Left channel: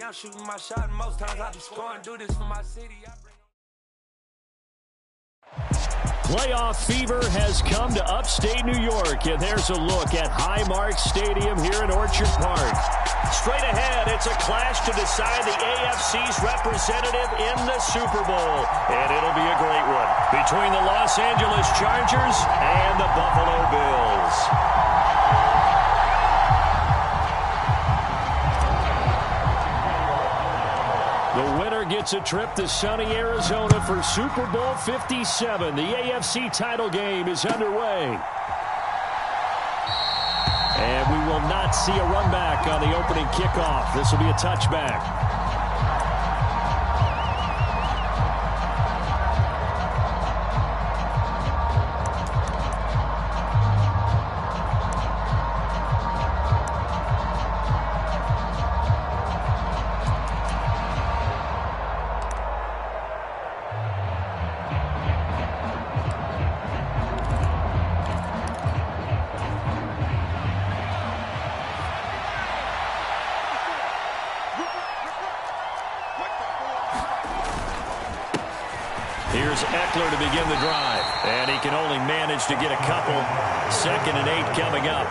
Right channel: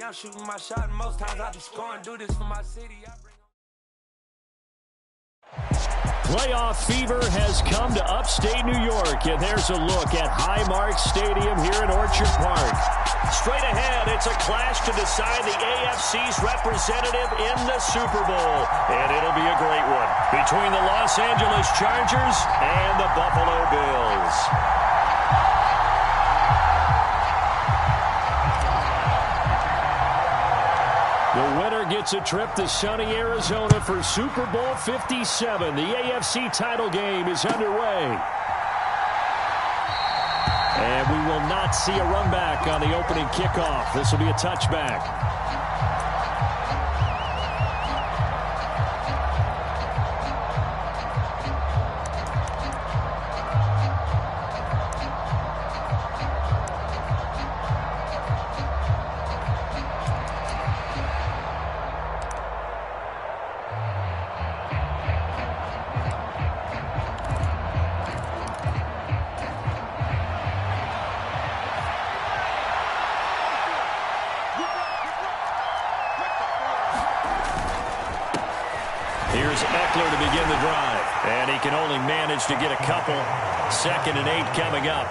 ring, I'm shooting my shot, and most times I be scoring. Do this for my city. Playoff fever has come to upstate New York, and there's a look at Highmark Stadium here in Orchard Park. Straight ahead, it's a clash to decide the AFC's representative in the Super Bowl, and it'll be a great one between the Los Angeles Chargers and the Buffalo Bills. The winner gets a trip to sunny Arizona for Super Bowl 57. The AFC title game is underway. And we will not see a run back on the opening kickoff. This will be a touchback. Here's Eckler to begin the drive, and he can only manage to get a couple. 2nd and 8 coming up.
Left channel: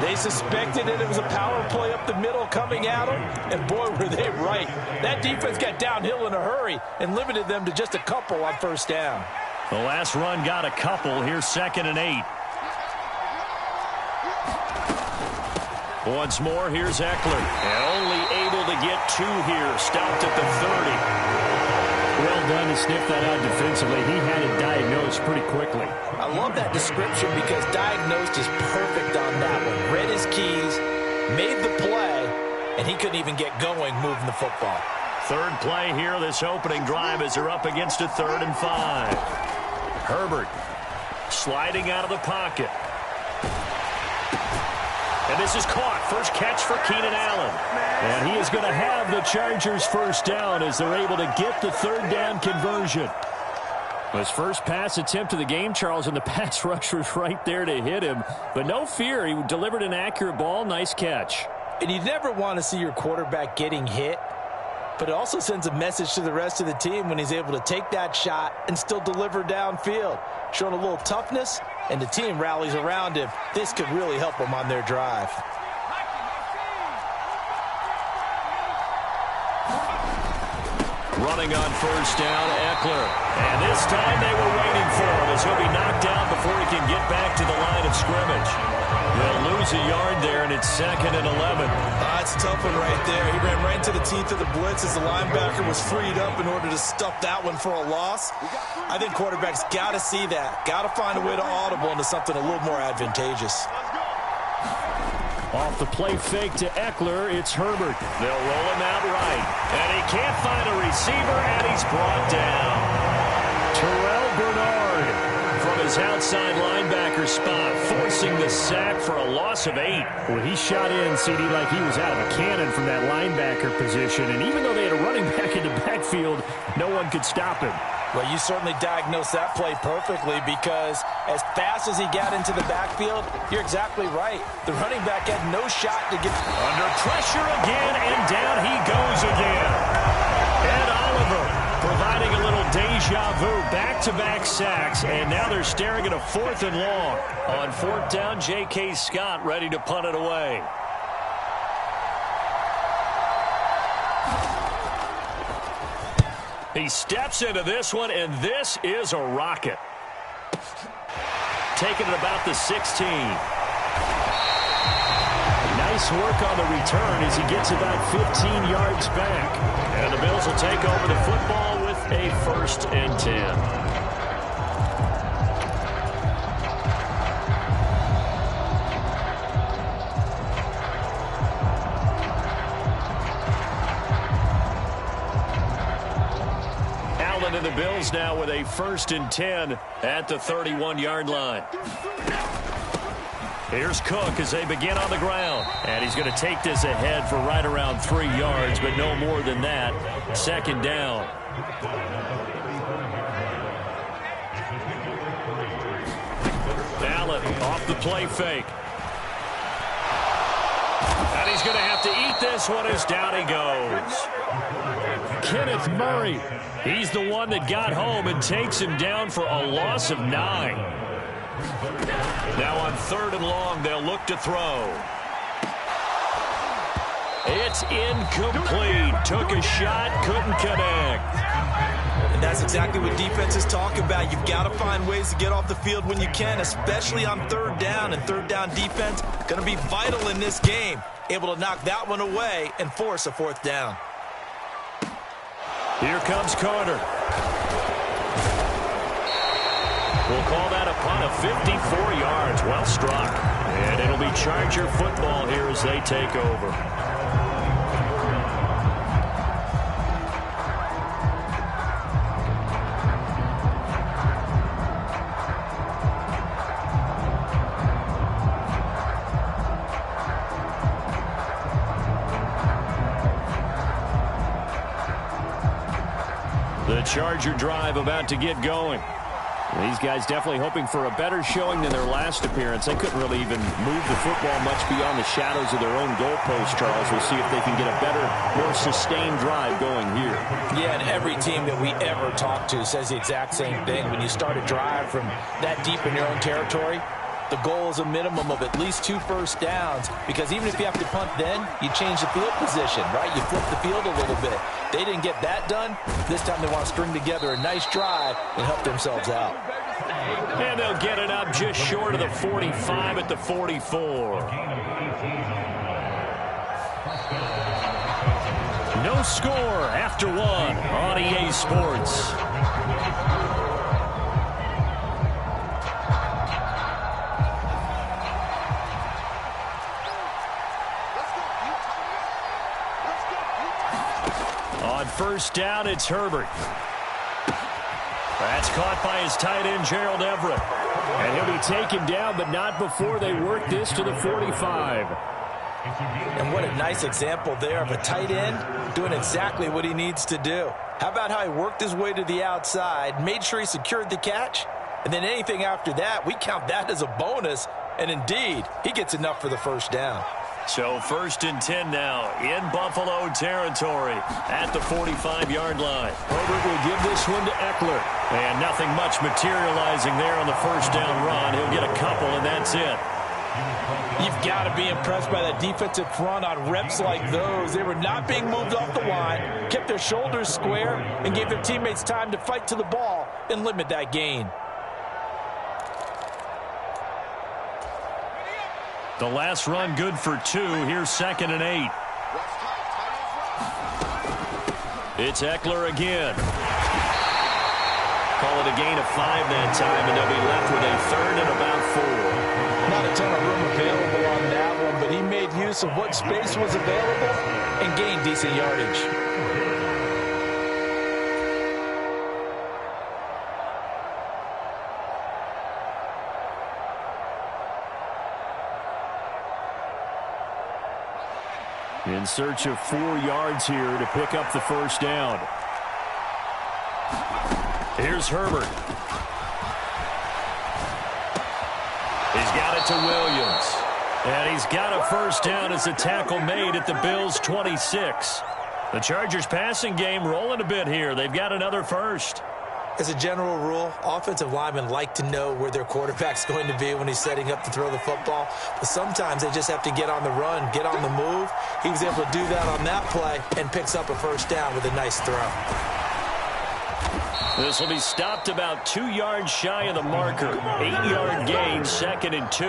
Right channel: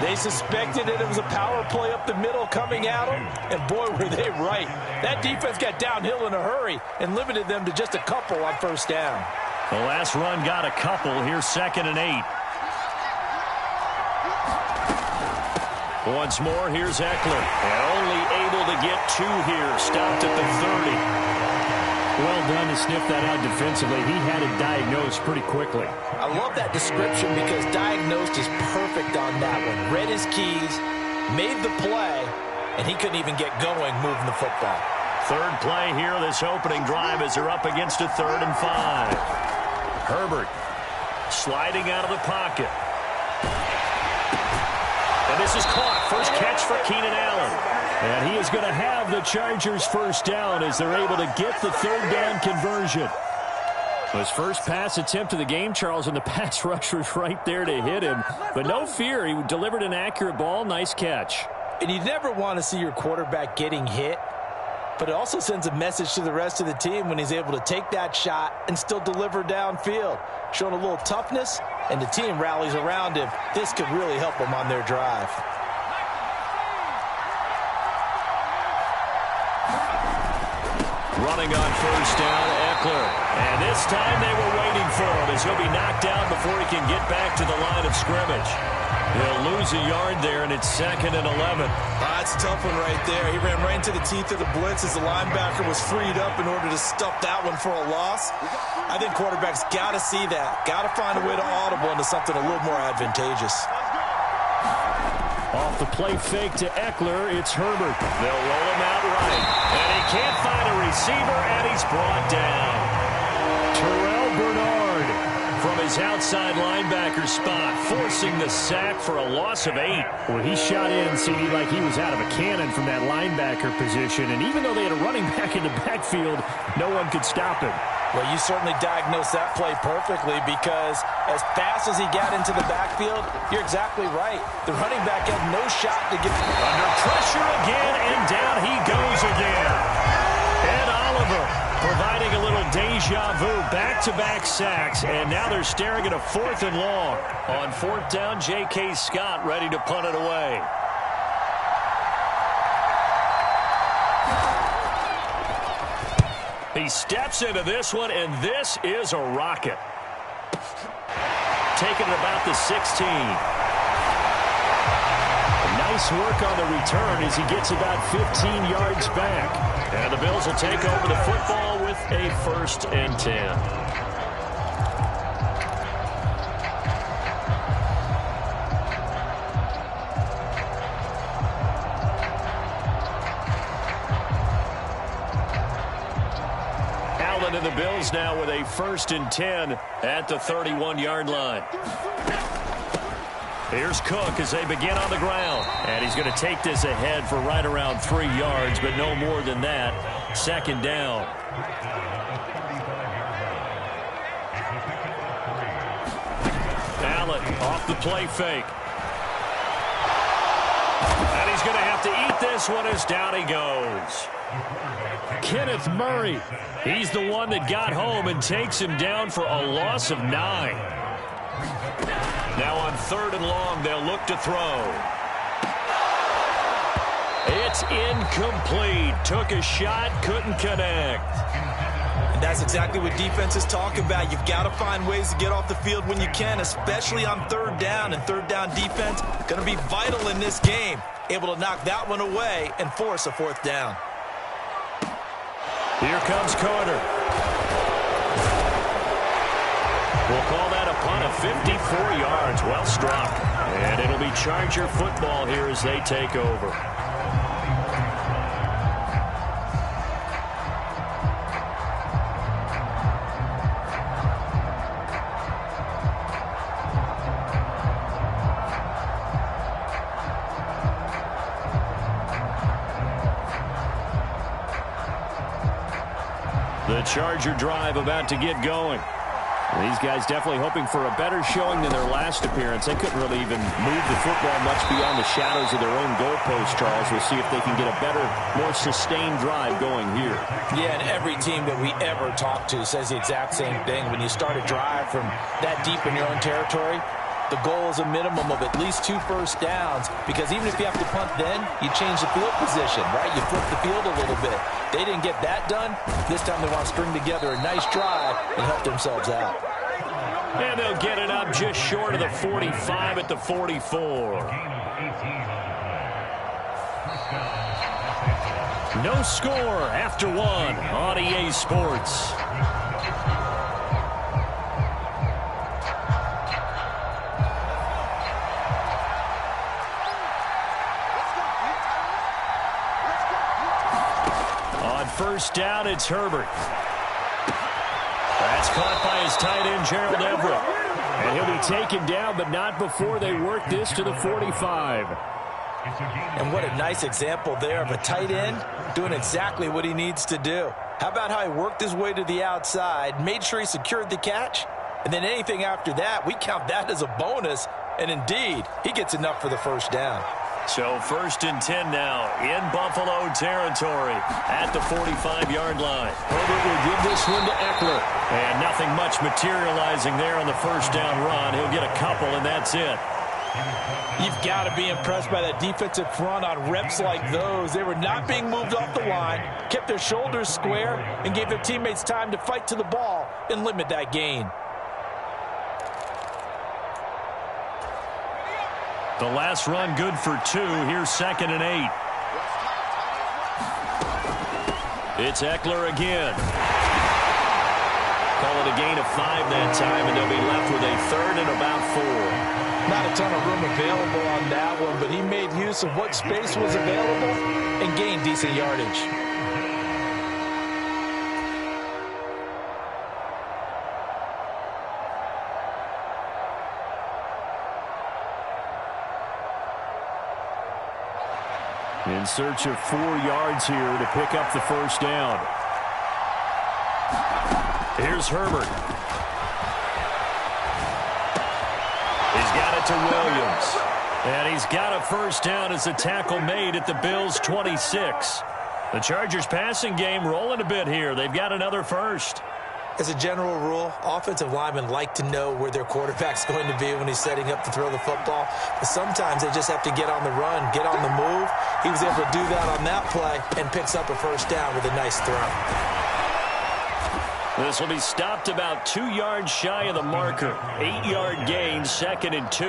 They suspected that it was a power play up the middle coming at them, and boy, were they right. That defense got downhill in a hurry and limited them to just a couple on first down. The last run got a couple. Here's 2nd and 8. Once more, here's Eckler, and only able to get 2 here. Stopped at the 30. Well done to sniff that out defensively. He had it diagnosed pretty quickly. I love that description because diagnosed is perfect on that one. Read his keys, made the play, and he couldn't even get going moving the football. Third play here, this opening drive as they're up against a 3rd and 5. Herbert sliding out of the pocket. And this is caught. First catch for Keenan Allen. And he is going to have the Chargers first down as they're able to get the 3rd down conversion. His first pass attempt of the game, Charles, and the pass rush was right there to hit him. But no fear, he delivered an accurate ball. Nice catch. And you never want to see your quarterback getting hit, but it also sends a message to the rest of the team when he's able to take that shot and still deliver downfield. Showing a little toughness, and the team rallies around him. This could really help them on their drive. Running on first down, Eckler. And this time they were waiting for him as he'll be knocked down before he can get back to the line of scrimmage. He'll lose a yard there, and it's 2nd and 11. That's a tough one right there. He ran right into the teeth of the blitz as the linebacker was freed up in order to stuff that one for a loss. I think quarterbacks got to see that. Got to find a way to audible into something a little more advantageous. Off the play fake to Eckler, it's Herbert. They'll roll him out right. And he can't find a receiver, and he's brought down. Terrell Bernard from his outside linebacker spot, forcing the sack for a loss of 8. Well, he shot in, CD, like he was out of a cannon from that linebacker position. And even though they had a running back in the backfield, no one could stop him. Well, you certainly diagnosed that play perfectly because as fast as he got into the backfield, you're exactly right. The running back had no shot to get under pressure again, and down he goes again. Ed Oliver providing a little deja vu, back-to-back sacks, and now they're staring at a 4th and long. On 4th down, J.K. Scott ready to punt it away. He steps into this one, and this is a rocket. Taking it about the 16. Nice work on the return as he gets about 15 yards back. And the Bills will take over the football with a 1st and 10. And the Bills now with a 1st and 10 at the 31-yard line. Here's Cook as they begin on the ground. And he's going to take this ahead for right around 3 yards, but no more than that. 2nd down. Allen off the play fake. And he's going to have to eat this one as down he goes. Kenneth Murray, he's the one that got home and takes him down for a loss of 9. Now on 3rd and long, they'll look to throw. It's incomplete. Took a shot, couldn't connect. And that's exactly what defenses talk about. You've got to find ways to get off the field when you can, especially on 3rd down. And 3rd down defense going to be vital in this game. Able to knock that one away and force a 4th down. Here comes Carter. We'll call that a punt of 54 yards. Well struck. And it'll be Charger football here as they take over. The Charger drive about to get going. These guys definitely hoping for a better showing than their last appearance. They couldn't really even move the football much beyond the shadows of their own goalpost, Charles. We'll see if they can get a better, more sustained drive going here. Yeah, and every team that we ever talk to says the exact same thing. When you start a drive from that deep in your own territory, the goal is a minimum of at least 2 first downs, because even if you have to punt then, you change the field position, right? You flip the field a little bit. They didn't get that done. This time they want to string together a nice drive and help themselves out. And they'll get it up just short of the 45 at the 44. No score after 1 on EA Sports. On 1st down, it's Herbert. That's caught by his tight end, Gerald Everett. And he'll be taken down, but not before they work this to the 45. And what a nice example there of a tight end doing exactly what he needs to do. How about how he worked his way to the outside, made sure he secured the catch, and then anything after that, we count that as a bonus. And indeed, he gets enough for the 1st down. So 1st and 10 now in Buffalo territory at the 45-yard line. Herbert will give this one to Eckler. And nothing much materializing there on the 1st down run. He'll get a couple, and that's it. You've got to be impressed by that defensive front on reps like those. They were not being moved off the line, kept their shoulders square, and gave their teammates time to fight to the ball and limit that gain. The last run good for 2. Here's 2nd and 8. It's Eckler again. Call it a gain of 5 that time, and they'll be left with a 3rd and about 4. Not a ton of room available on that one, but he made use of what space was available and gained decent yardage. In search of 4 yards here to pick up the 1st down. Here's Herbert. He's got it to Williams. And he's got a 1st down as the tackle made at the Bills' 26. The Chargers' passing game rolling a bit here. They've got another 1st. As a general rule, offensive linemen like to know where their quarterback's going to be when he's setting up to throw the football. But sometimes they just have to get on the run, get on the move. He was able to do that on that play and picks up a 1st down with a nice throw. This will be stopped about 2 yards shy of the marker. 8-yard gain, 2nd and 2.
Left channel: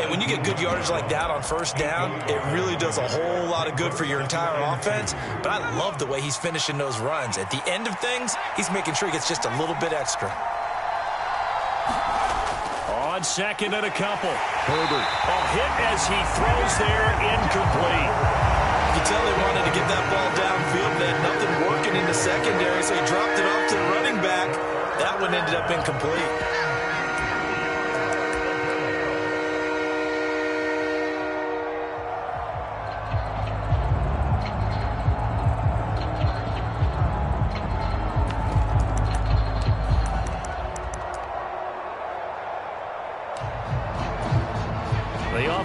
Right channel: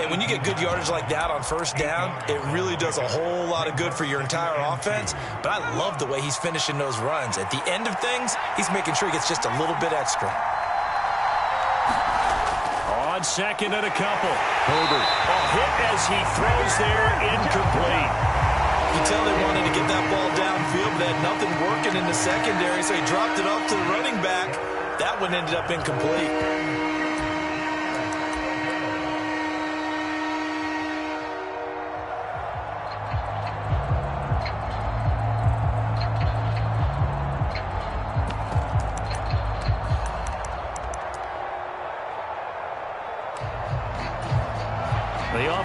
And when you get good yardage like that on 1st down, it really does a whole lot of good for your entire offense. But I love the way he's finishing those runs. At the end of things, he's making sure he gets just a little bit extra. On 2nd and a couple. Herbert. Oh, hit as he throws there, incomplete. You can tell they wanted to get that ball downfield, but they had nothing working in the secondary, so he dropped it off to the running back. That one ended up incomplete.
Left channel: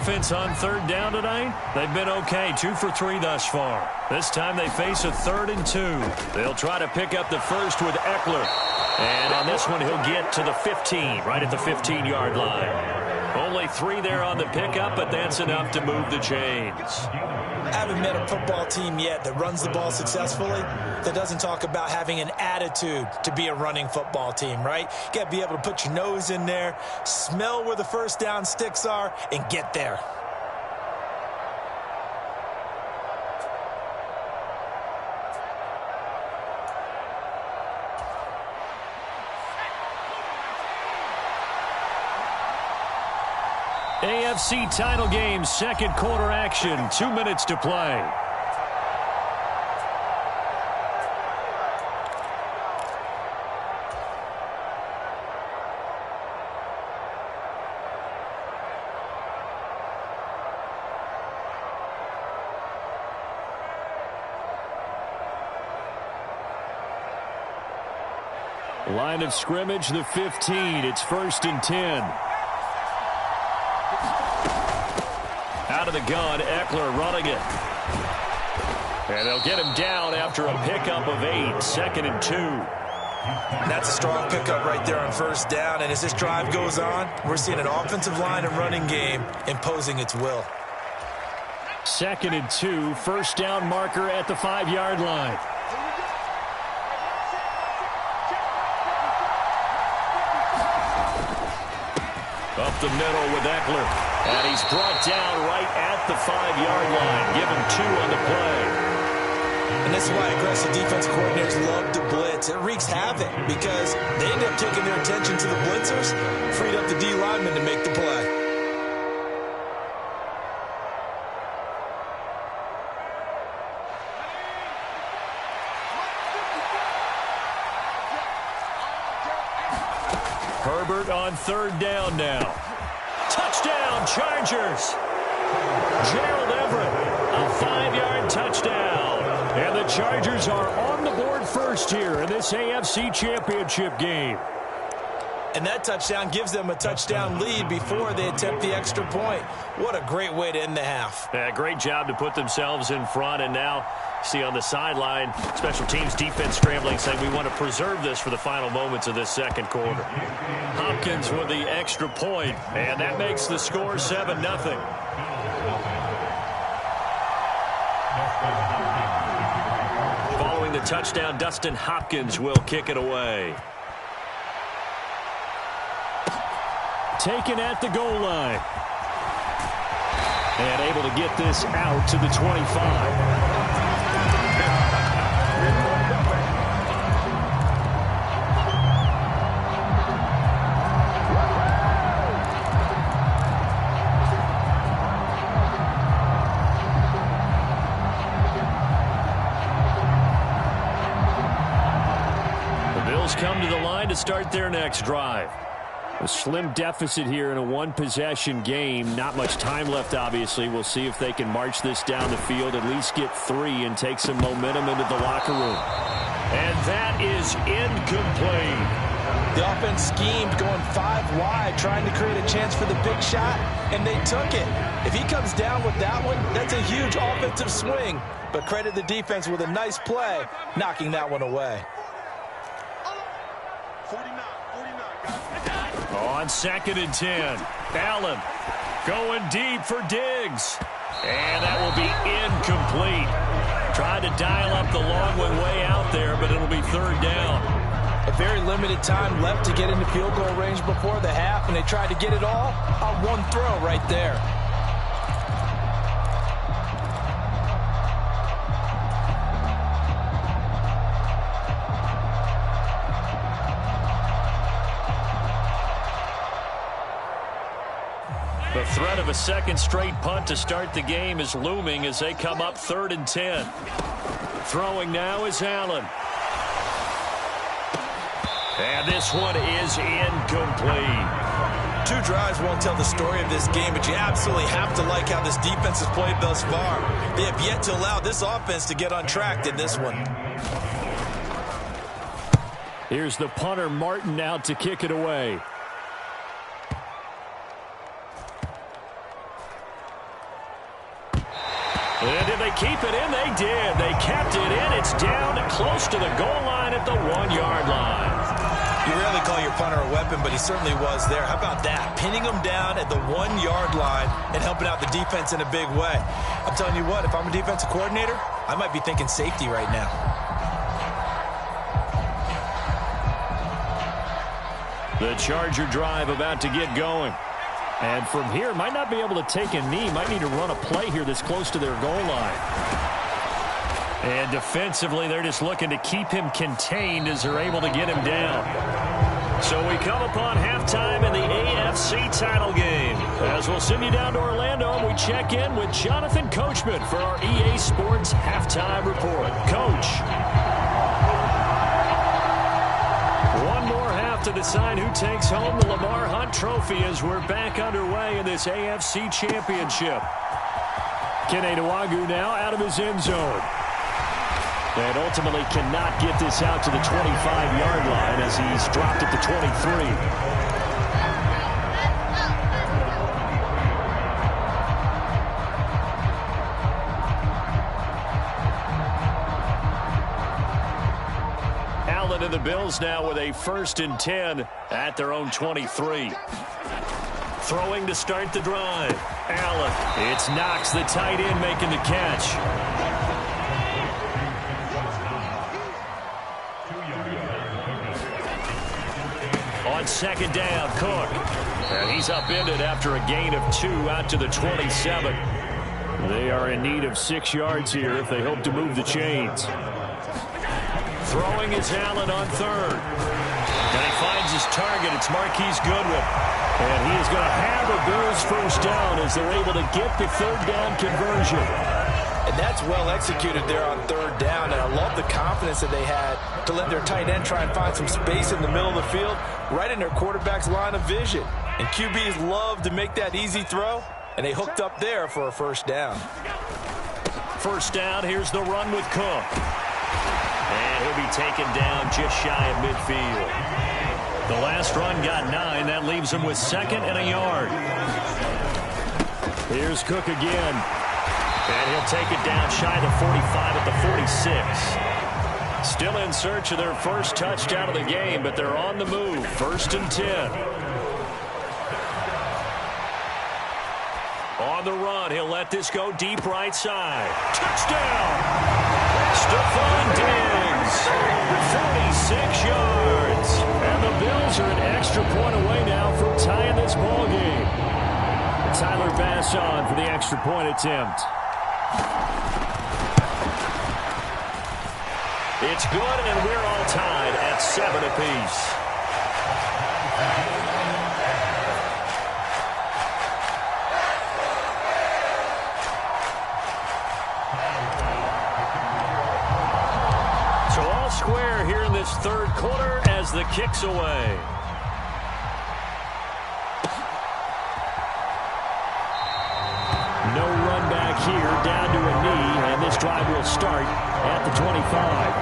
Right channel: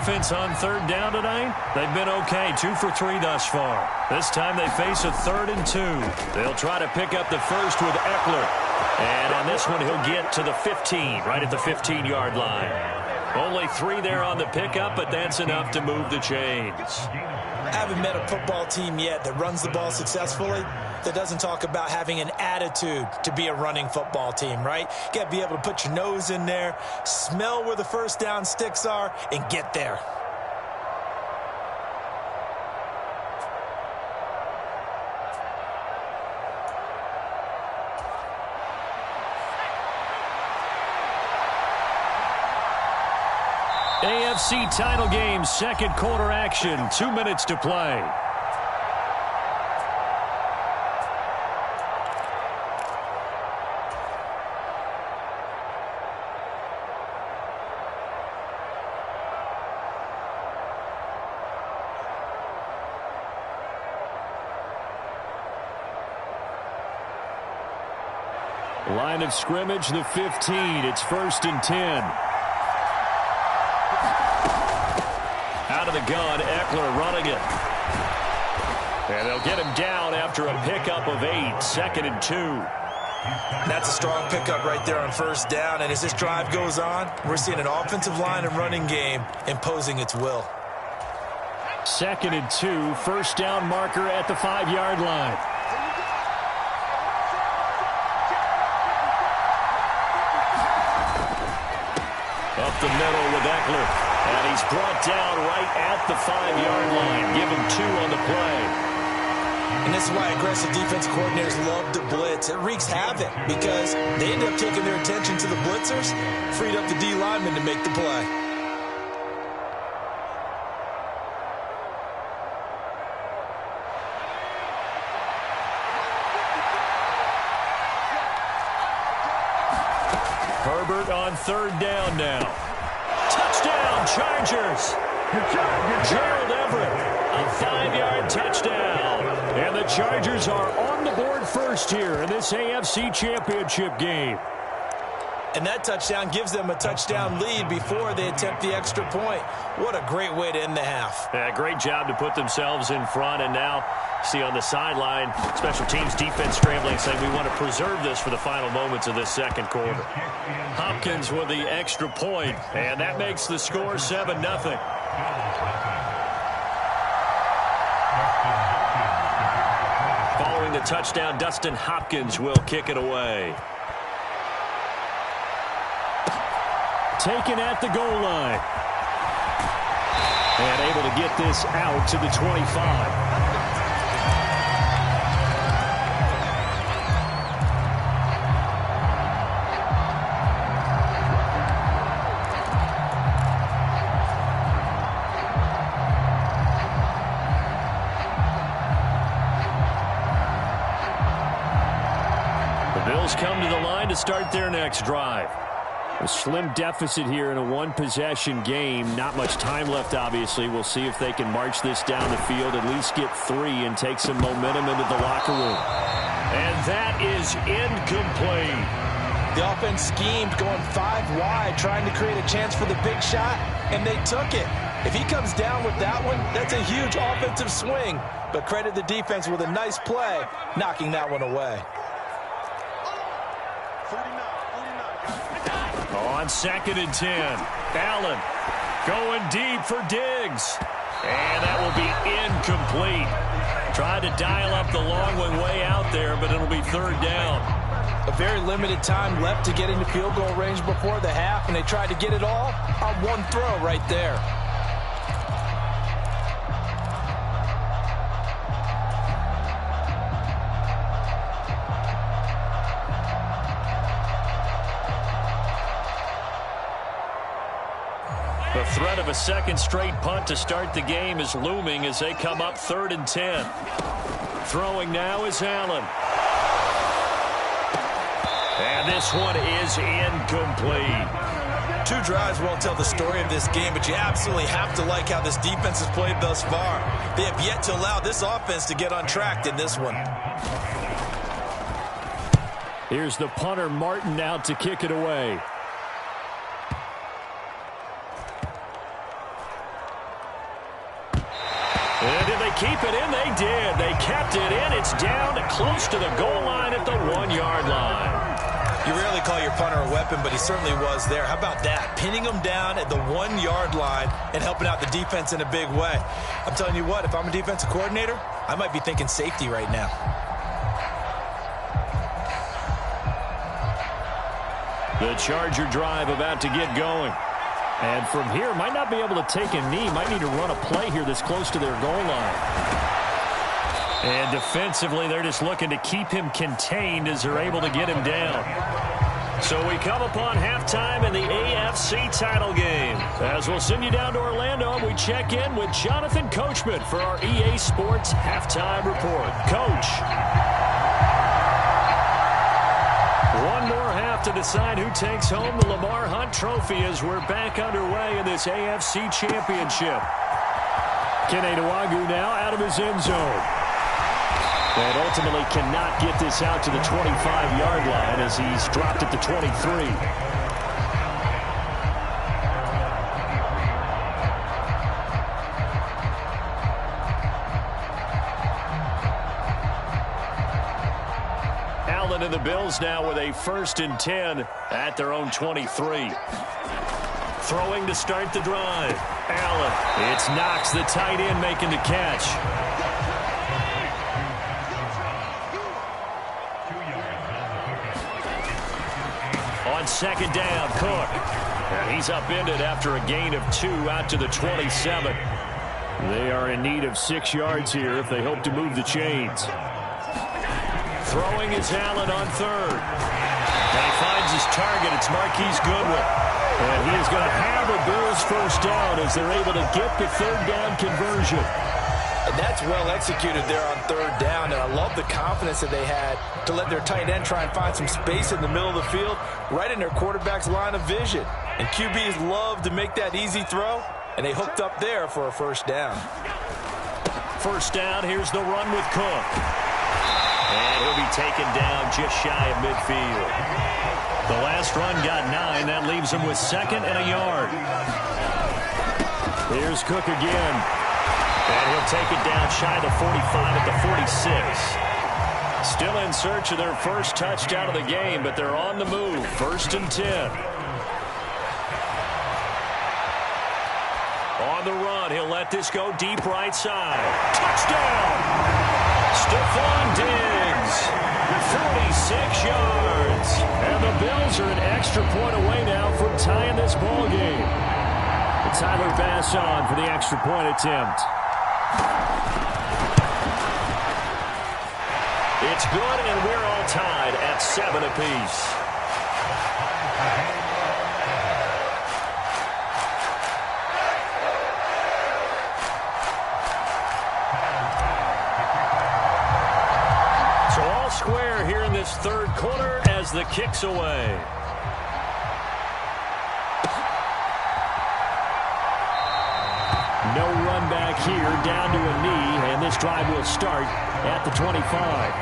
offense on third down tonight? They've been okay, 2 for 3 thus far. This time they face a 3rd and 2. They'll try to pick up the first with Ekeler. And on this one, he'll get to the 15, right at the 15-yard line. Only 3 there on the pickup, but that's enough to move the chains. I haven't met a football team yet that runs the ball successfully that doesn't talk about having an attitude to be a running football team, right? You got to be able to put your nose in there, smell where the first down sticks are, and get there. AFC title game, second quarter action, 2 minutes to play. Line of scrimmage, the 15. It's 1st and 10. Out of the gun, Ekeler running it. And they'll get him down after a pickup of 8, 2nd and 2. That's a strong pickup right there on first down. And as this drive goes on, we're seeing an offensive line and running game imposing its will. 2nd and 2, first down marker at the 5-yard line. Up the middle with Ekeler. And he's brought down right at the 5-yard line. Give him 2 on the play. And this is why aggressive defense coordinators love to blitz. It wreaks havoc because they end up taking their attention to the blitzers, freed up the D lineman to make the play. Herbert on 3rd down now. Touchdown, Chargers. Gerald Everett, a 5-yard touchdown. And the Chargers are on the board first here in this AFC Championship game. And that touchdown gives them a touchdown lead before they attempt the extra point. What a great way to end the half. Yeah, great job to put themselves in front. And now, see on the sideline, special teams defense scrambling, saying we want to preserve this for the final moments of this second quarter. Hopkins with the extra point, and that makes the score 7-0. Following the touchdown, Dustin Hopkins will kick it away. Taken at the goal line. And able to get this out to the 25. The Bills come to the line to start their next drive. A slim deficit here in a one-possession game. Not much time left, obviously. We'll see if they can march this down the field, at least get 3 and take some momentum into the locker room. And that is incomplete. The offense schemed going 5 wide, trying to create a chance for the big shot, and they took it. If he comes down with that one, that's a huge offensive swing. But credit the defense with a nice play, knocking that one away. On 2nd and 10, Allen going deep for Diggs. And that will be incomplete. Tried to dial up the long one way out there, but it'll be 3rd down. A very limited time left to get into field goal range before the half, and they tried to get it all on one throw right there. The threat of a second straight punt to start the game is looming as they come up 3rd and 10. Throwing now is Allen. And this one is incomplete. 2 drives won't tell the story of this game, but you absolutely have to like how this defense has played thus far. They have yet to allow this offense to get on track in this one. Here's the punter, Martin, out to kick it away. And did they keep it in? They did. They kept it in. It's down close to the goal line at the 1-yard line. You rarely call your punter a weapon, but he certainly was there. How about that? Pinning him down at the 1-yard line and helping out the defense in a big way. I'm telling you what, if I'm a defensive coordinator, I might be thinking safety right now. The Charger drive about to get going. And from here, might not be able to take a knee. Might need to run a play here that's close to their goal line. And defensively, they're just looking to keep him contained as they're able to get him down. So we come upon halftime in the AFC title game. As we'll send you down to Orlando, and we check in with Jonathan Coachman for our EA Sports Halftime Report. Coach. One more half to decide who takes home the Lamar Hunt Trophy as we're back underway in this AFC Championship. Kene Nwangwu now out of his end zone. And ultimately cannot get this out to the 25-yard line as he's dropped at the 23. Allen and the Bills now with a 1st and 10 at their own 23. Throwing to start the drive. Allen. It's Knox, the tight end, making the catch. On 2nd down, Cook. And he's upended after a gain of 2 out to the 27. They are in need of 6 yards here if they hope to move the chains. Throwing is Allen on 3rd. And he finds his target. It's Marquise Goodwin. And he is going to have a Bills 1st down as they're able to get the 3rd down conversion. And that's well executed there on 3rd down. And I love the confidence that they had to let their tight end try and find some space in the middle of the field, right in their quarterback's line of vision. And QBs love to make that easy throw, and they hooked up there for a 1st down. 1st down, here's the run with Cook. And he'll be taken down just shy of midfield. The last run got 9. That leaves him with 2nd and a yard. Here's Cook again. And he'll take it down shy of the 45 at the 46. Still in search of their 1st touchdown of the game, but they're on the move. 1st and 10. On the run, he'll let this go deep right side. Touchdown! Stephon Diggs, 46 yards. And the Bills are an extra point away now from tying this ball game. Tyler Bass on for the extra point attempt. It's good, and we're all tied at 7 apiece. So all square here in this 3rd quarter as the kick's away. No run back here, down to a knee, and this drive will start at the 25.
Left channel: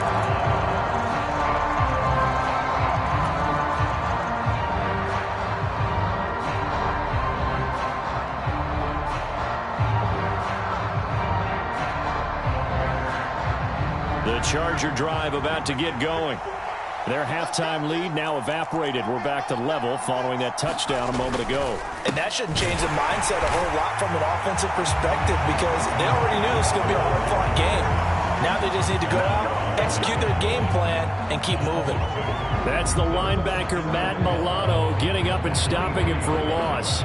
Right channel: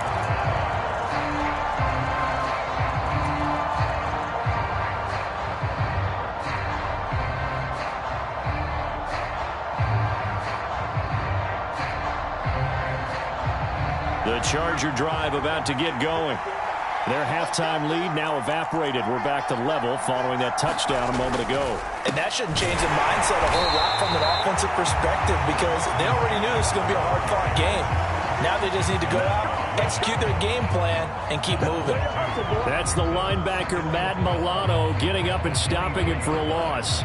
The Charger drive about to get going. Their halftime lead now evaporated. We're back to level following that touchdown a moment ago. And that shouldn't change the mindset a whole lot from an offensive perspective because they already knew this was going to be a hard-fought game. Now they just need to go out, execute their game plan, and keep moving. That's the linebacker, Matt Milano, getting up and stopping him for a loss.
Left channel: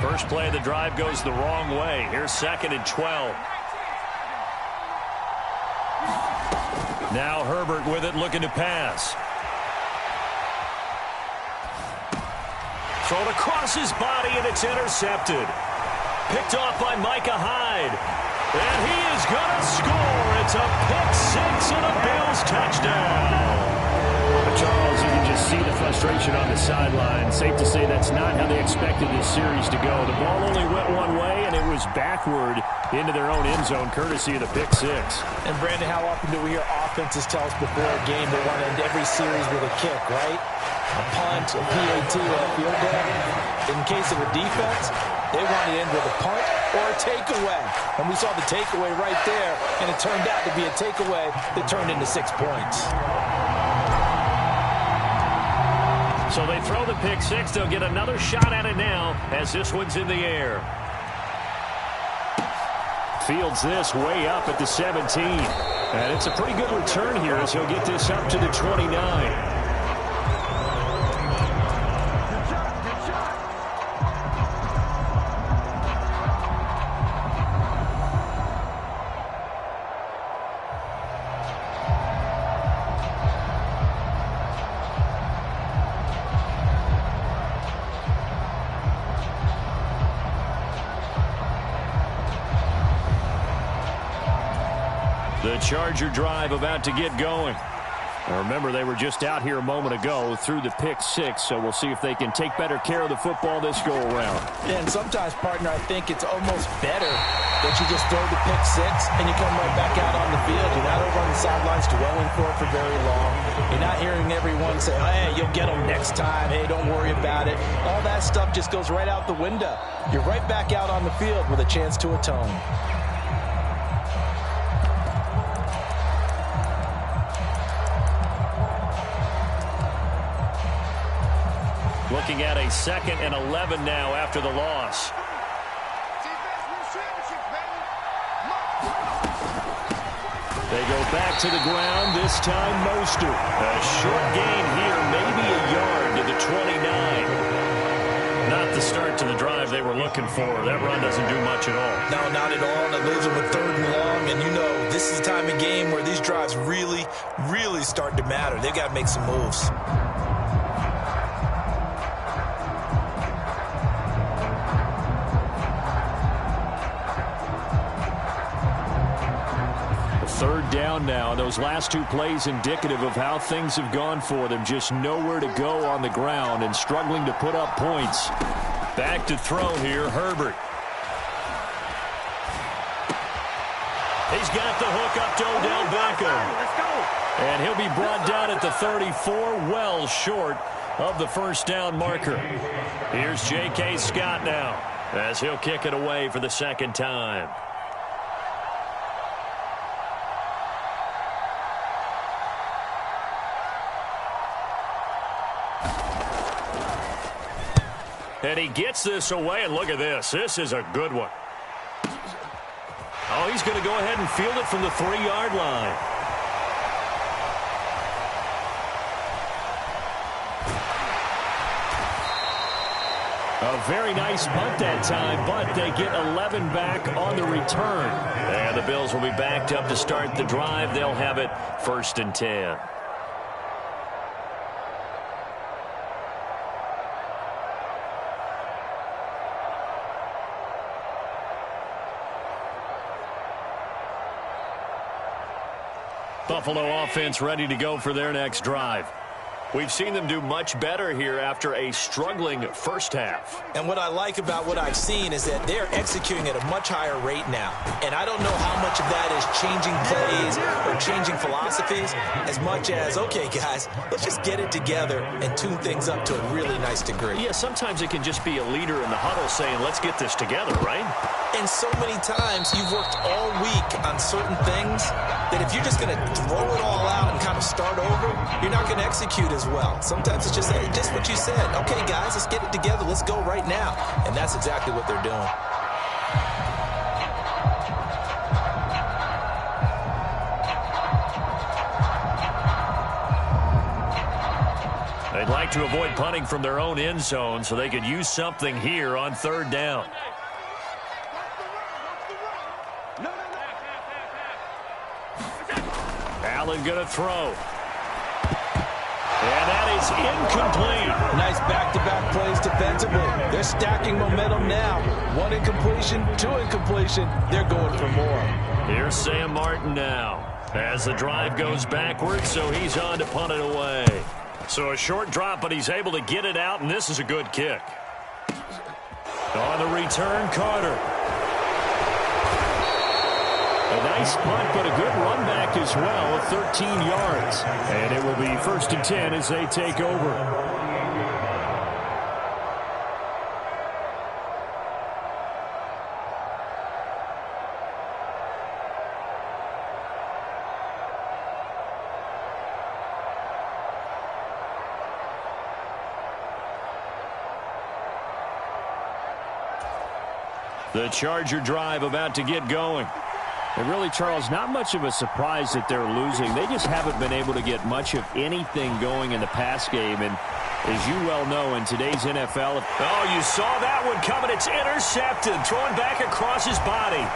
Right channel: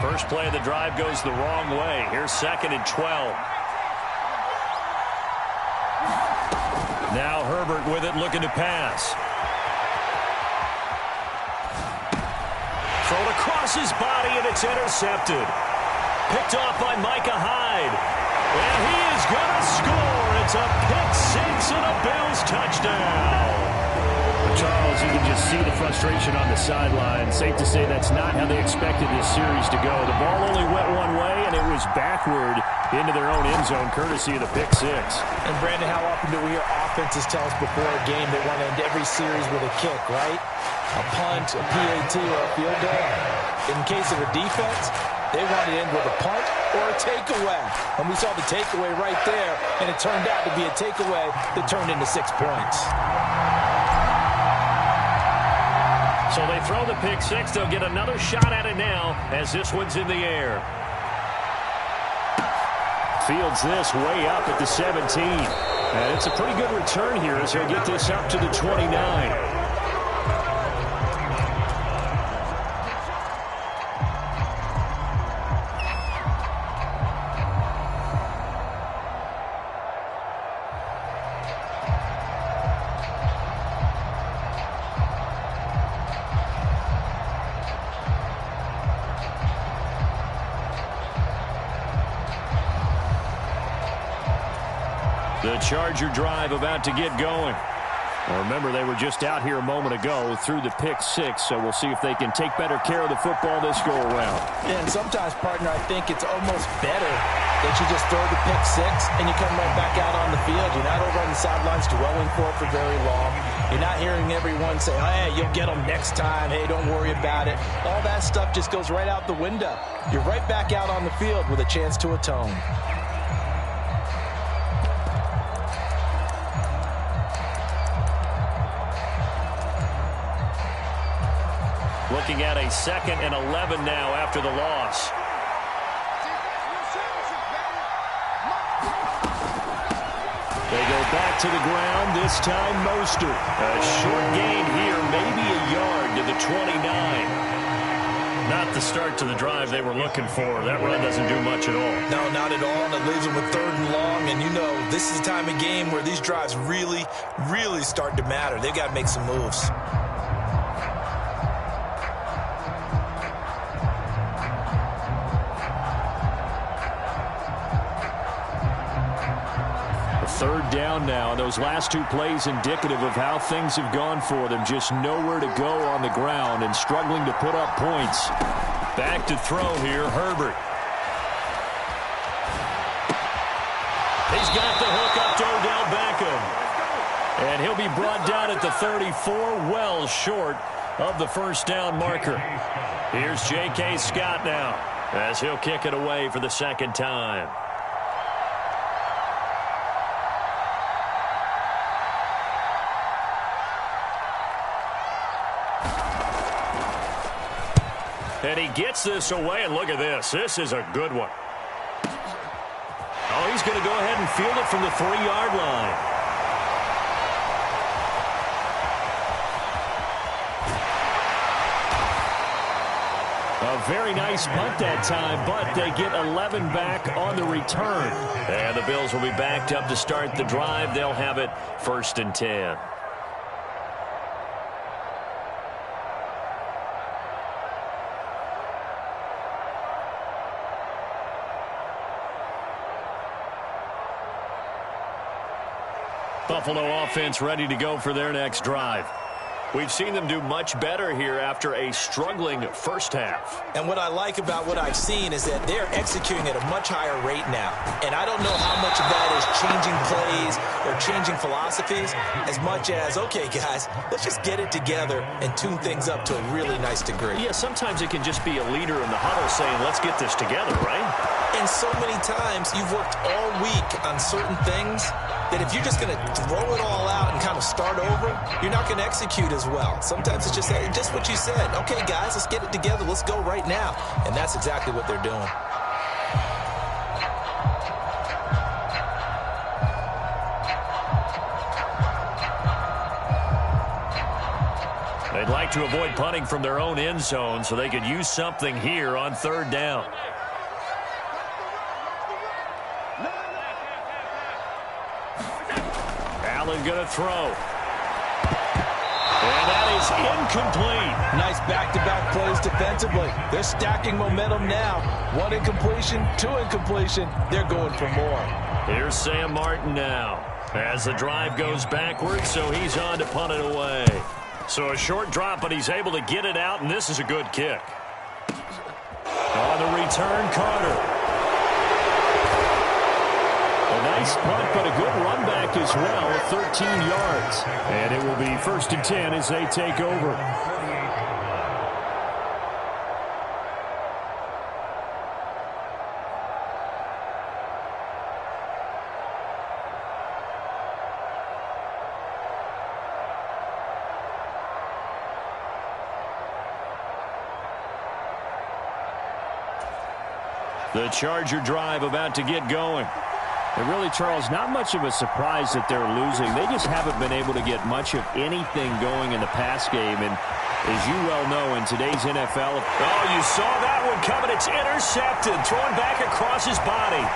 First play of the drive goes the wrong way. Here's 2nd and 12. Now Herbert with it, looking to pass. Thrown across his body, and it's intercepted. Picked off by Micah Hyde. And he is going to score. It's a pick 6 and a Bills touchdown. Charles, you can just see the frustration on the sideline. Safe to say that's not how they expected this series to go. The ball only went one way, and it was backward into their own end zone, courtesy of the pick six. And, Brandon, how often do we hear offenses tell us before a game they want to end every series with a kick, right? A punt, a PAT, or a field goal. In case of a defense, they want to end with a punt or a takeaway. And we saw the takeaway right there, and it turned out to be a takeaway that turned into 6 points. So they throw the pick six. They'll get another shot at it now as this one's in the air. Fields this way up at the 17. And it's a pretty good return here as he'll get this up to the 29. The Charger drive about to get going. Now remember, they were just out here a moment ago through the pick six, so we'll see if they can take better care of the football this go-around. Yeah, and sometimes, partner, I think it's almost better that you just throw the pick six and you come right back out on the field. You're not over on the sidelines dwelling for it for very long. You're not hearing everyone say, oh, hey, you'll get them next time. Hey, don't worry about it. All that stuff just goes right out the window. You're right back out on the field with a chance to atone. Looking at a 2nd and 11 now after the loss. They go back to the ground, this time Mostert. A short gain here, maybe a yard to the 29. Not the start to the drive they were looking for. That run doesn't do much at all. No, not at all, and it leaves them with 3rd and long. And you know, this is the time of game where these drives really, really start to matter. They've got to make some moves. Third down now, and those last 2 plays indicative of how things have gone for them. Just nowhere to go on the ground and struggling to put up points. Back to throw here, Herbert. He's got the hook up to Odell Beckham. And he'll be brought down at the 34, well short of the first down marker. Here's J.K. Scott now as he'll kick it away for the 2nd time. And he gets this away, and look at this. This is a good one. Oh, he's going to go ahead and field it from the 3-yard line. A very nice punt that time, but they get 11 back on the return. And the Bills will be backed up to start the drive. They'll have it 1st and 10. Buffalo offense ready to go for their next drive. We've seen them do much better here after a struggling first half. And what I like about what I've seen is that they're executing at a much higher rate now. And I don't know how much of that is changing plays or changing philosophies as much as, okay, guys, let's just get it together and tune things up to a really nice degree. Yeah, sometimes it can just be a leader in the huddle saying, let's get this together, right? And so many times you've worked all week on certain things that if you're just going to throw it all out and kind of start over, you're not going to execute as well. Sometimes it's just what you said. Okay, guys, let's get it together. Let's go right now. And that's exactly what they're doing. They'd like to avoid punting from their own end zone so they could use something here on 3rd down. Allen going to throw. And that is incomplete. Nice back-to-back plays defensively. They're stacking momentum now. 1 incompletion, 2 incompletion. They're going for more. Here's Sam Martin now as the drive goes backwards, so he's on to punt it away. So a short drop, but he's able to get it out, and this is a good kick. On the return, Carter. A nice punt, but a good run back as well, 13 yards. And it will be 1st and 10 as they take over. The Charger drive about to get going. And really, Charles, not much of a surprise that they're losing. They just haven't been able to get much of anything going in the pass game. And as you well know, in today's NFL... Oh, you saw that one coming. It's intercepted. Throwing back across his body.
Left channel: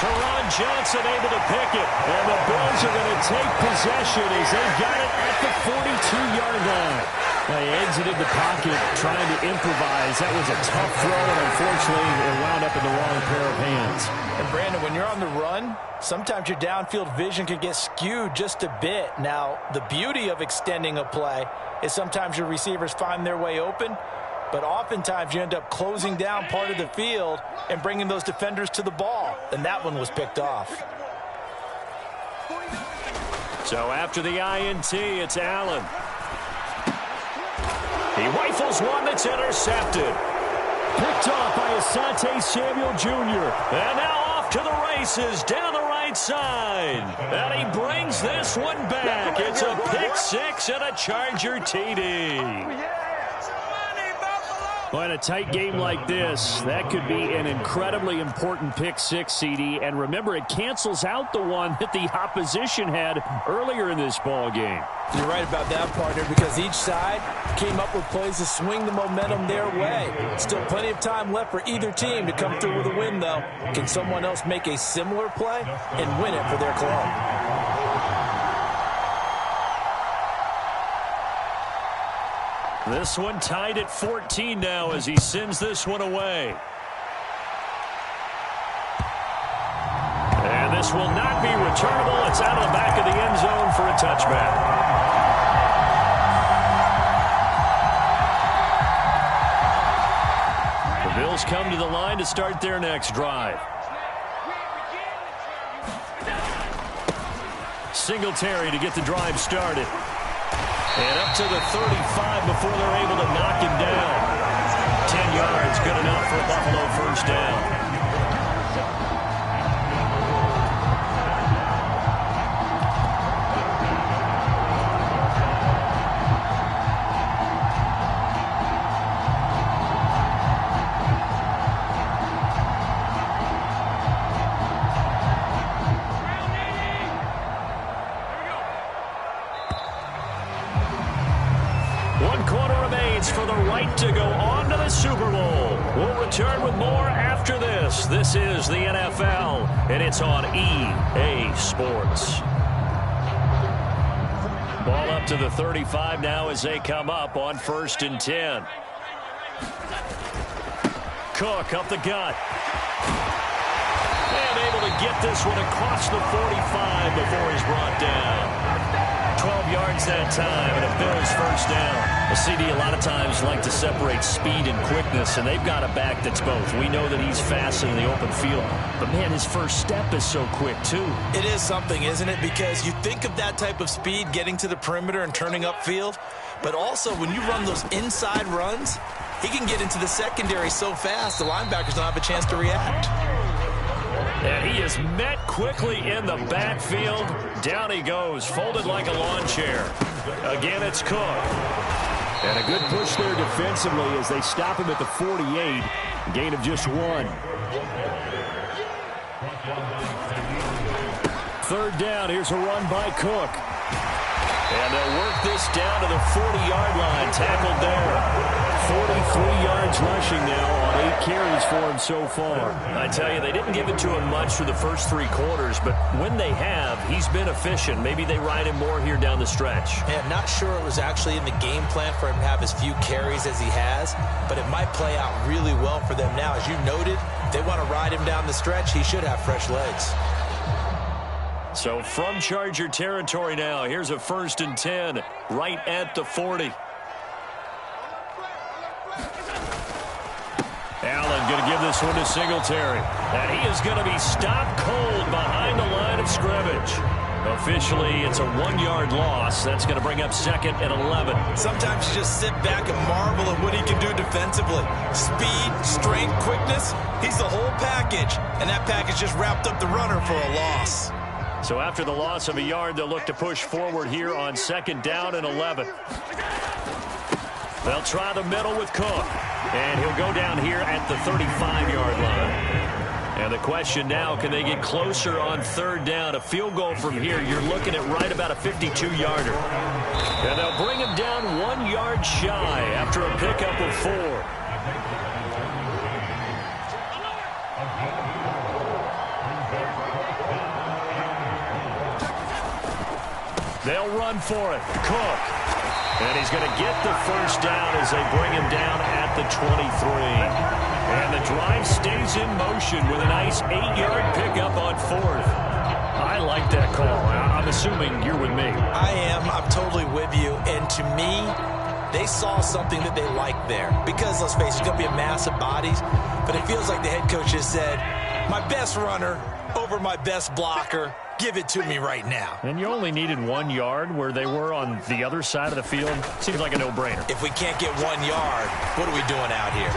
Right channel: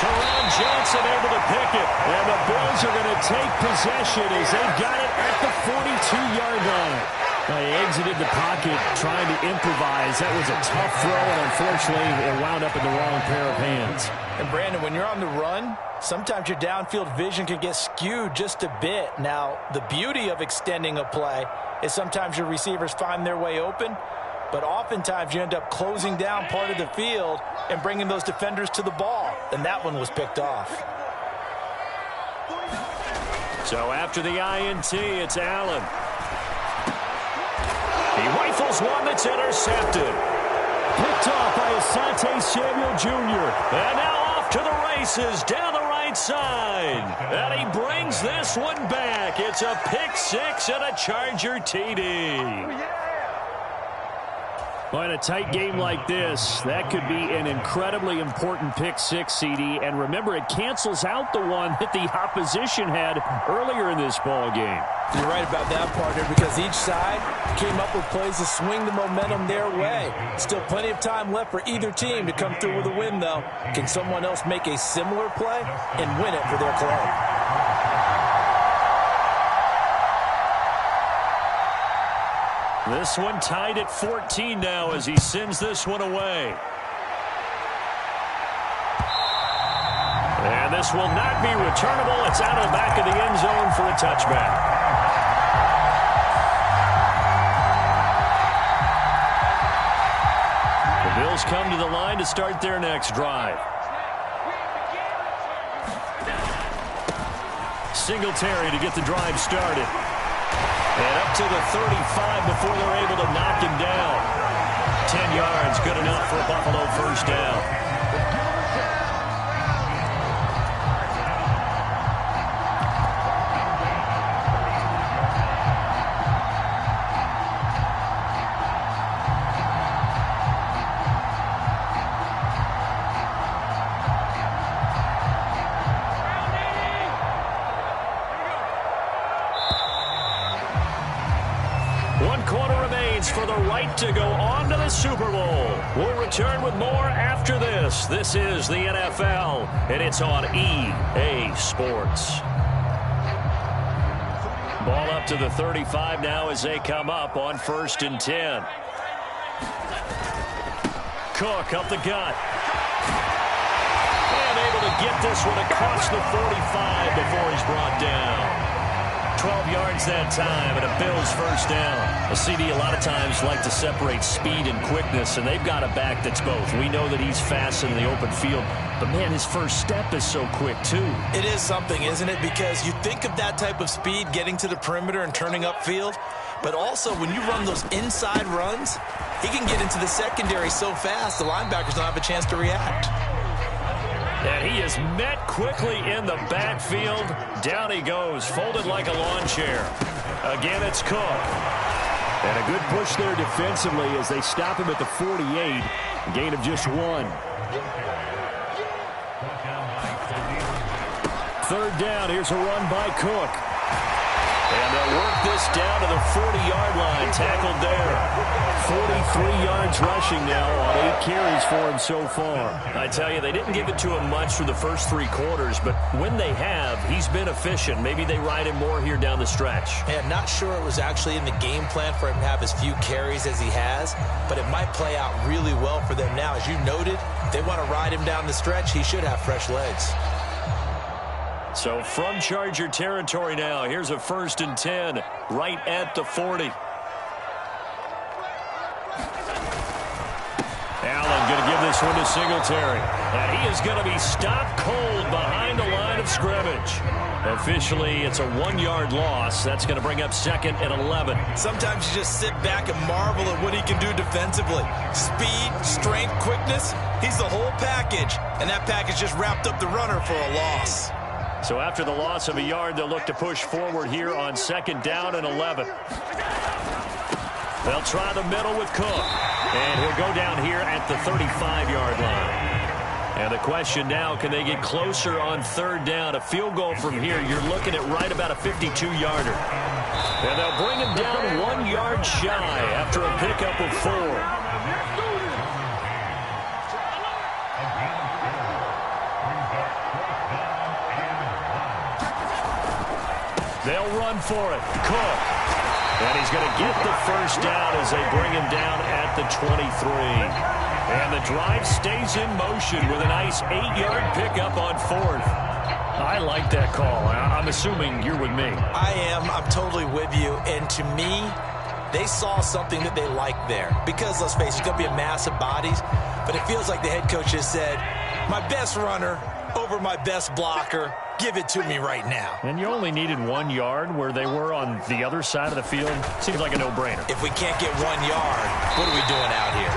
Teron Johnson able to pick it. And the Bills are going to take possession as they've got it at the 42-yard line. They exited the pocket trying to improvise. That was a tough throw, and unfortunately, it wound up in the wrong pair of hands. And, Brandon, when you're on the run, sometimes your downfield vision can get skewed just a bit. Now, the beauty of extending a play is sometimes your receivers find their way open, but oftentimes you end up closing down part of the field and bringing those defenders to the ball. And that one was picked off. So after the INT, it's Allen. He rifles one that's intercepted. Picked off by Asante Samuel Jr. And now off to the races down the right side. And he brings this one back. It's a pick six and a Charger TD. Well, in a tight game like this, that could be an incredibly important pick six, CD. And remember, it cancels out the one that the opposition had earlier in this ball game. You're right about that, partner, because each side came up with plays to swing the momentum their way. Still plenty of time left for either team to come through with a win, though. Can someone else make a similar play and win it for their club? This one tied at 14 now as he sends this one away. And this will not be returnable. It's out of the back of the end zone for a touchback. The Bills come to the line to start their next drive. Singletary to get the drive started. And up to the 35 before they're able to knock him down. 10 yards, good enough for a Buffalo first down. For the right to go on to the Super Bowl. We'll return with more after this. This is the NFL, and it's on EA Sports. Ball up to the 35 now as they come up on 1st and 10. Cook up the gut. And able to get this one across the 45 before he's brought down. 12 yards that time, and a Bills first down. A CD a lot of times like to separate speed and quickness, and they've got a back that's both. We know that he's fast in the open field, but, man, his first step is so quick, too. It is something, isn't it? Because you think of that type of speed getting to the perimeter and turning upfield, but also when you run those inside runs, he can get into the secondary so fast the linebackers don't have a chance to react. And he is met quickly in the backfield. Down he goes, folded like a lawn chair. Again, it's Cook. And a good push there defensively as they stop him at the 48. Gain of just 1. 3rd down. Here's a run by Cook. And they'll work this down to the 40-yard line. Tackled there. 43 yards rushing now on 8 carries for him so far. I tell you, they didn't give it to him much through the first 3 quarters, but when they have, he's been efficient. Maybe they ride him more here down the stretch. Yeah, not sure it was actually in the game plan for him to have as few carries as he has, but it might play out really well for them now. As you noted, if they want to ride him down the stretch, he should have fresh legs. So from Charger territory now, here's a 1st and 10 right at the 40. Allen going to give this one to Singletary. And he is going to be stopped cold behind the line of scrimmage. Officially, it's a 1-yard loss. That's going to bring up 2nd and 11. Sometimes you just sit back and marvel at what he can do defensively. Speed, strength, quickness. He's the whole package. And that package just wrapped up the runner for a loss. So after the loss of a yard, they'll look to push forward here on 2nd down and 11. They'll try the middle with Cook. And he'll go down here at the 35-yard line. And the question now, can they get closer on 3rd down? A field goal from here, you're looking at right about a 52-yarder. And they'll bring him down 1 yard shy after a pickup of 4. They'll run for it. Cook. And he's going to get the first down as they bring him down at the 23. And the drive stays in motion with a nice 8-yard pickup on 4th. I like that call. I'm assuming you're with me. I am. I'm totally with you. And to me, they saw something that they liked there. Because, let's face it, it's going to be a mass of bodies. But it feels like the head coach has said, my best runner over my best blocker. Give it to me right now. And you only needed 1 yard where they were on the other side of the field. Seems like a no-brainer. If we can't get 1 yard, what are we doing out here?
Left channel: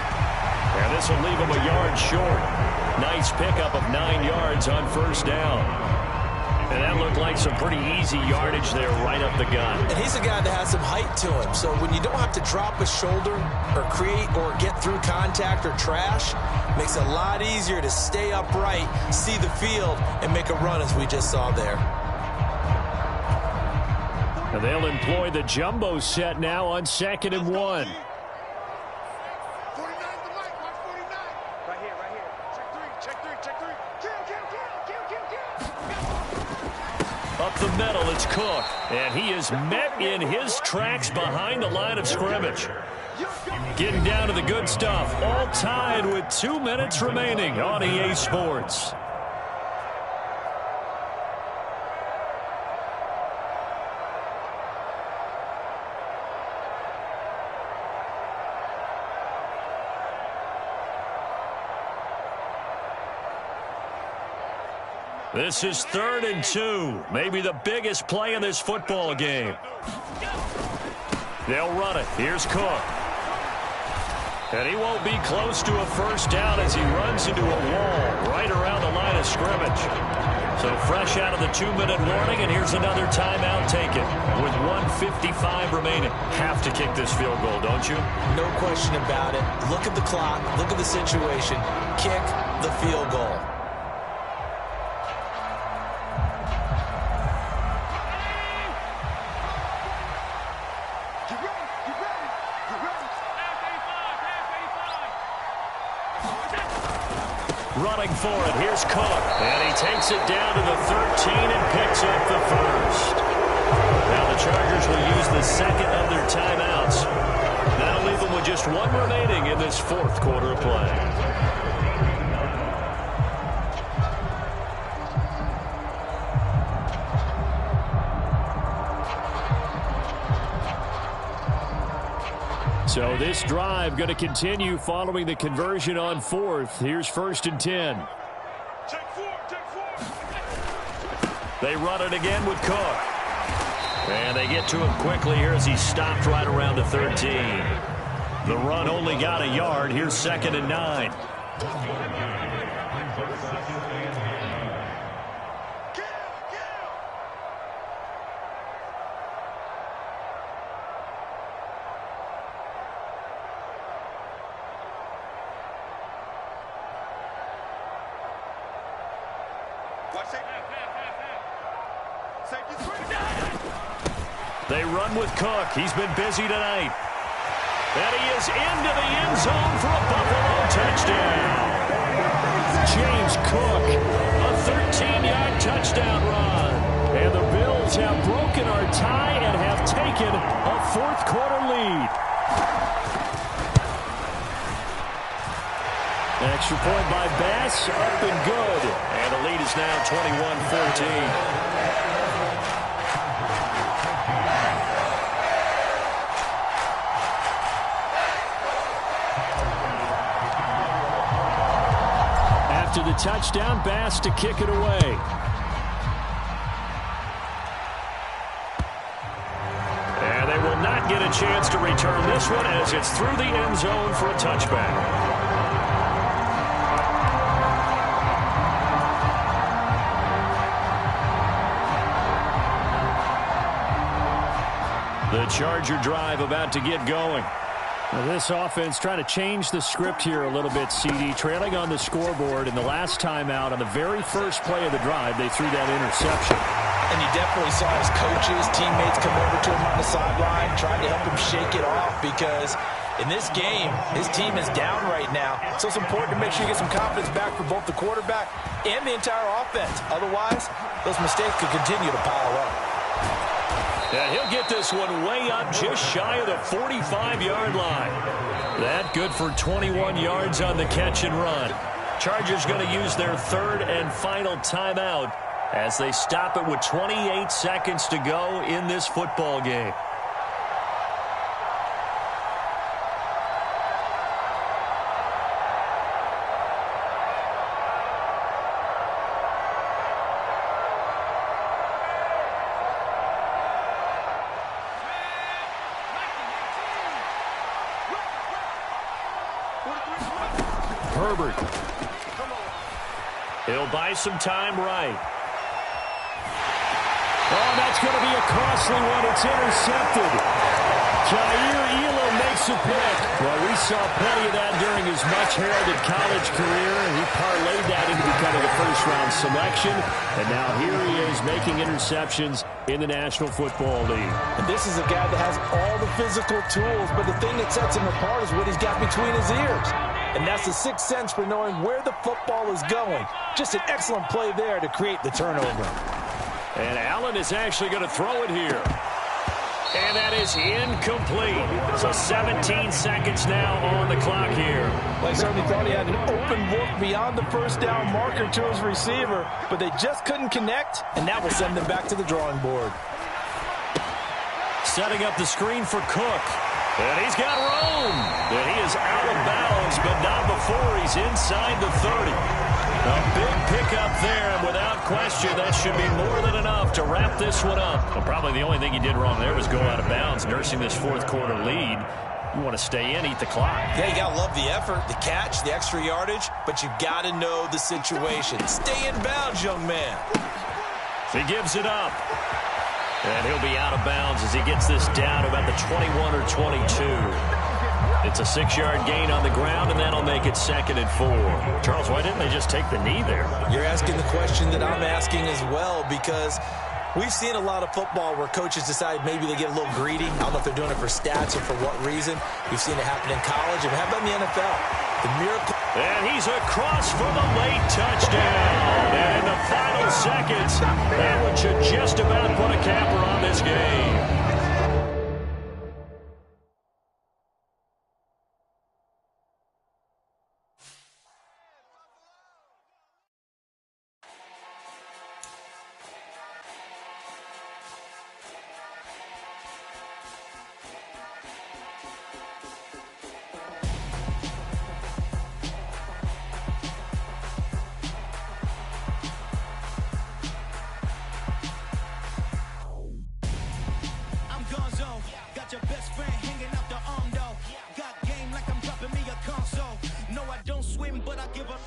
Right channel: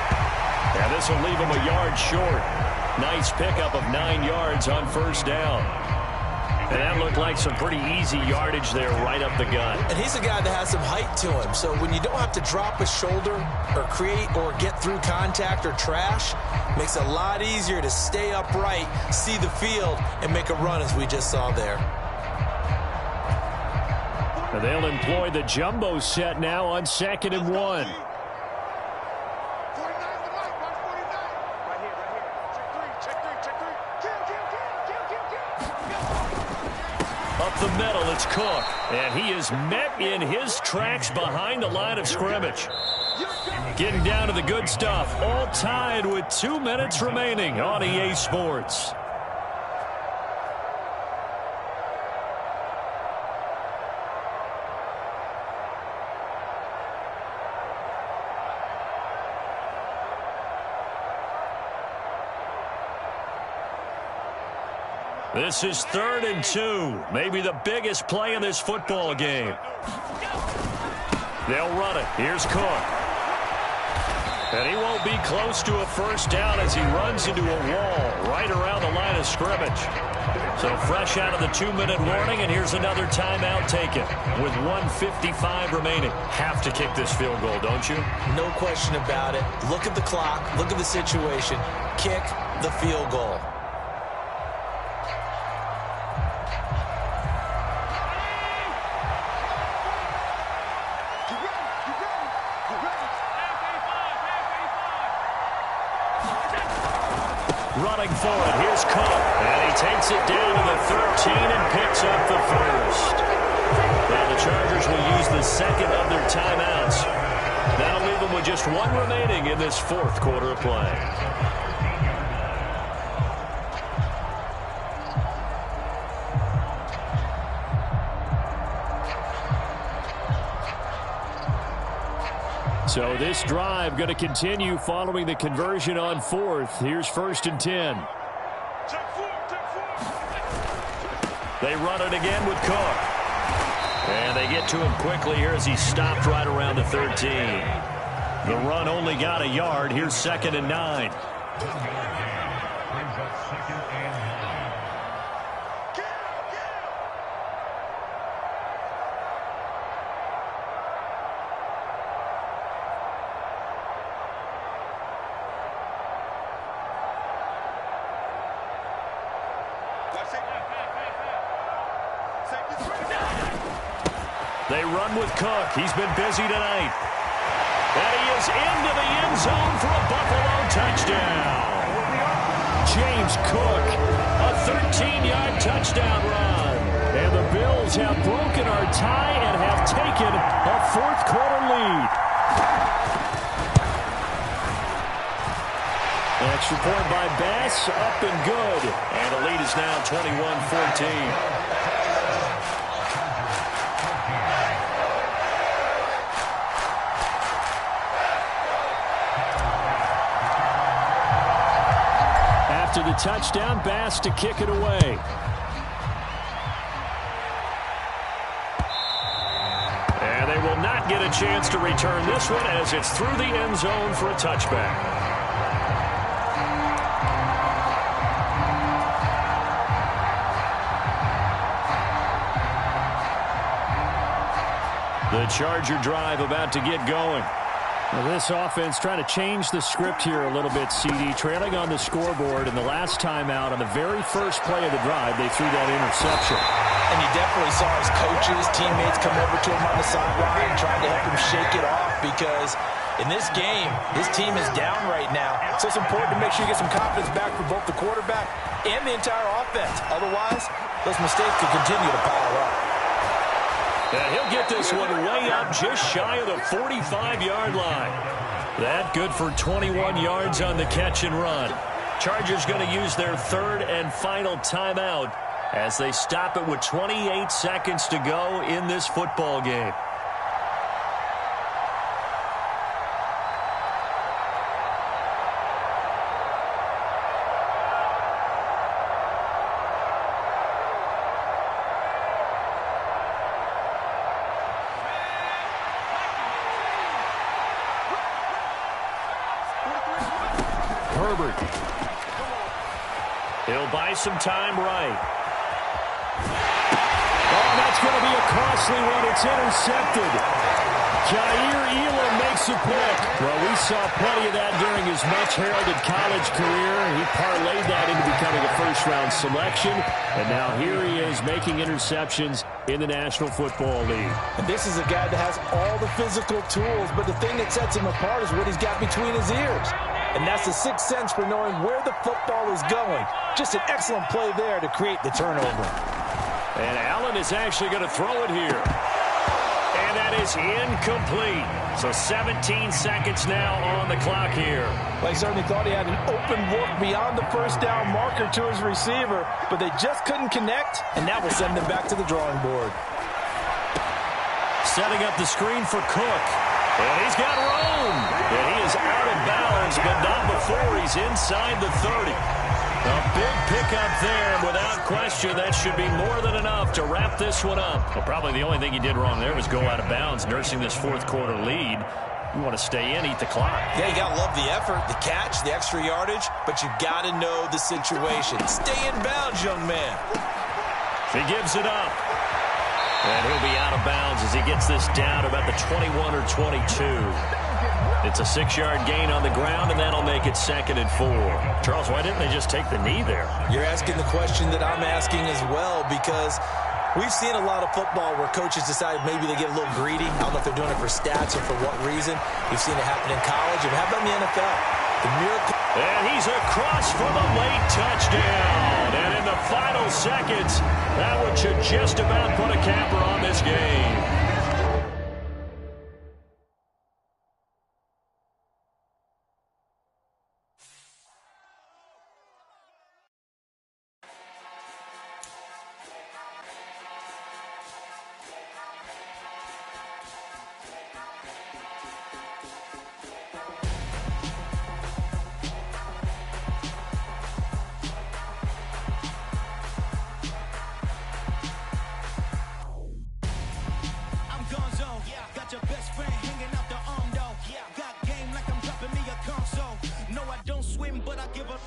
And this will leave him a yard short. Nice pickup of 9 yards on 1st down. And that looked like some pretty easy yardage there right up the gut. And he's a guy that has some height to him. So when you don't have to drop a shoulder or create or get through contact or trash, makes it a lot easier to stay upright, see the field, and make a run as we just saw there. And they'll employ the jumbo set now on 2nd and 1. Up the middle, it's Cook. And he is met in his tracks behind the line of scrimmage. Getting down to the good stuff. All tied with 2 minutes remaining on EA Sports. This is 3rd and 2. Maybe the biggest play in this football game. They'll run it. Here's Cook. And he won't be close to a first down as he runs into a wall right around the line of scrimmage. So fresh out of the 2-minute warning, and here's another timeout taken with 1:55 remaining. Have to kick this field goal, don't you? No question about it. Look at the clock. Look at the situation. Kick the field goal. Running for it, here's Cook. And he takes it down to the 13 and picks up the first. Now the Chargers will use the second of their timeouts. That'll leave them with just 1 remaining in this 4th quarter of play. So this drive going to continue following the conversion on 4th. Here's 1st and 10. Check 4. They run it again with Cook. And they get to him quickly here as he stopped right around the 13. The run only got a yard. Here's 2nd and 9. They run with Cook. He's been busy tonight. And he is into the end zone for a Buffalo touchdown. James Cook, a 13-yard touchdown run. And the Bills have broken our tie and have taken a 4th quarter lead. An extra point by Bass, up and good. And the lead is now 21-14. After the touchdown, Bass to kick it away. And they will not get a chance to return this one as it's through the end zone for a touchback. The Charger drive about to get going. Now this offense trying to change the script here a little bit, CD. Trailing on the scoreboard, and the last time out on the very first play of the drive, they threw that interception. And you definitely saw his coaches, teammates come over to him on the sideline, trying to help him shake it off because in this game, his team is down right now. So it's important to make sure you get some confidence back for both the quarterback and the entire offense. Otherwise, those mistakes could continue to pile up. And he'll get this one way up just shy of the 45-yard line. That good for 21 yards on the catch and run. Chargers going to use their third and final timeout as they stop it with 28 seconds to go in this football game. Herbert. He'll buy some time right. Oh, that's going to be a costly one. It's intercepted. Jair Elam makes a pick. Well, we saw plenty of that during his much-heralded college career. He parlayed that into becoming a first-round selection. And now here he is making interceptions in the National Football League. And this is a guy that has all the physical tools, but the thing that sets him apart is what he's got between his ears. And that's the sixth sense for knowing where the football is going. Just an excellent play there to create the turnover. And Allen is actually going to throw it here. And that is incomplete. So 17 seconds now on the clock here. Well, he certainly thought he had an open look beyond the first down marker to his receiver, but they just couldn't connect, and that will send them back to the drawing board. Setting up the screen for Cook. And he's got room. And he is out of bounds, but not before he's inside the 30. A big pickup there, and without question, that should be more than enough to wrap this one up. Well, probably the only thing he did wrong there was go out of bounds, nursing this fourth quarter lead. You want to stay in, eat the clock. Yeah, you got to love the effort, the catch, the extra yardage, but you got to know the situation. Stay in bounds, young man. He gives it up. And he'll be out of bounds as he gets this down to about the 21 or 22. It's a 6-yard gain on the ground, and that'll make it 2nd and 4. Charles, why didn't they just take the knee there? You're asking the question that I'm asking as well, because we've seen a lot of football where coaches decide maybe they get a little greedy. I don't know if they're doing it for stats or for what reason. We've seen it happen in college, and how about in the NFL? The miracle. And he's across for the late touchdown. And in the final seconds, that one should just about put a capper on this game. Got your best friend hanging out the arm though. Got game like I'm dropping me a console. No, I don't swim, but I give a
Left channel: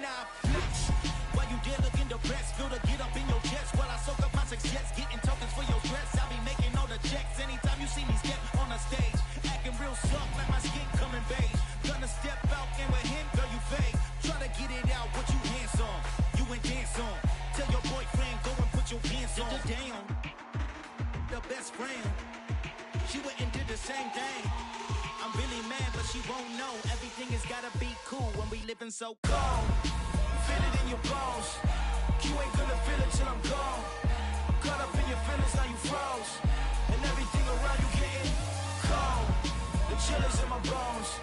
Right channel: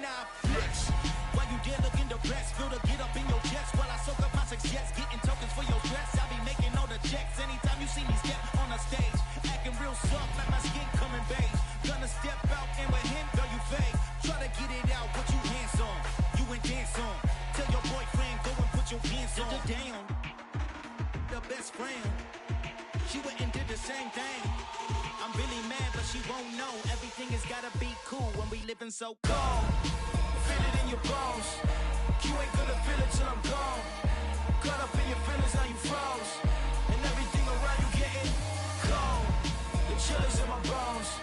now flex. While you there looking depressed, feel to get up in your chest while I soak up my success, getting tokens for your stress. I be making all the checks anytime you see me step on a stage, acting real soft like my skin coming beige. Gonna step out and with him, girl, you fake. Try to get it out, what you handsome, you ain't dance on. Tell your boyfriend go and put your pants on. Down, the best friend. She went and did the same thing. I'm really mad, but she won't know. Everything has gotta be cool when we living so cold. Feel it in your bones. You ain't gonna feel it till I'm gone. Caught up in your feelings, now you froze. And everything around you getting cold. The chill is in my bones.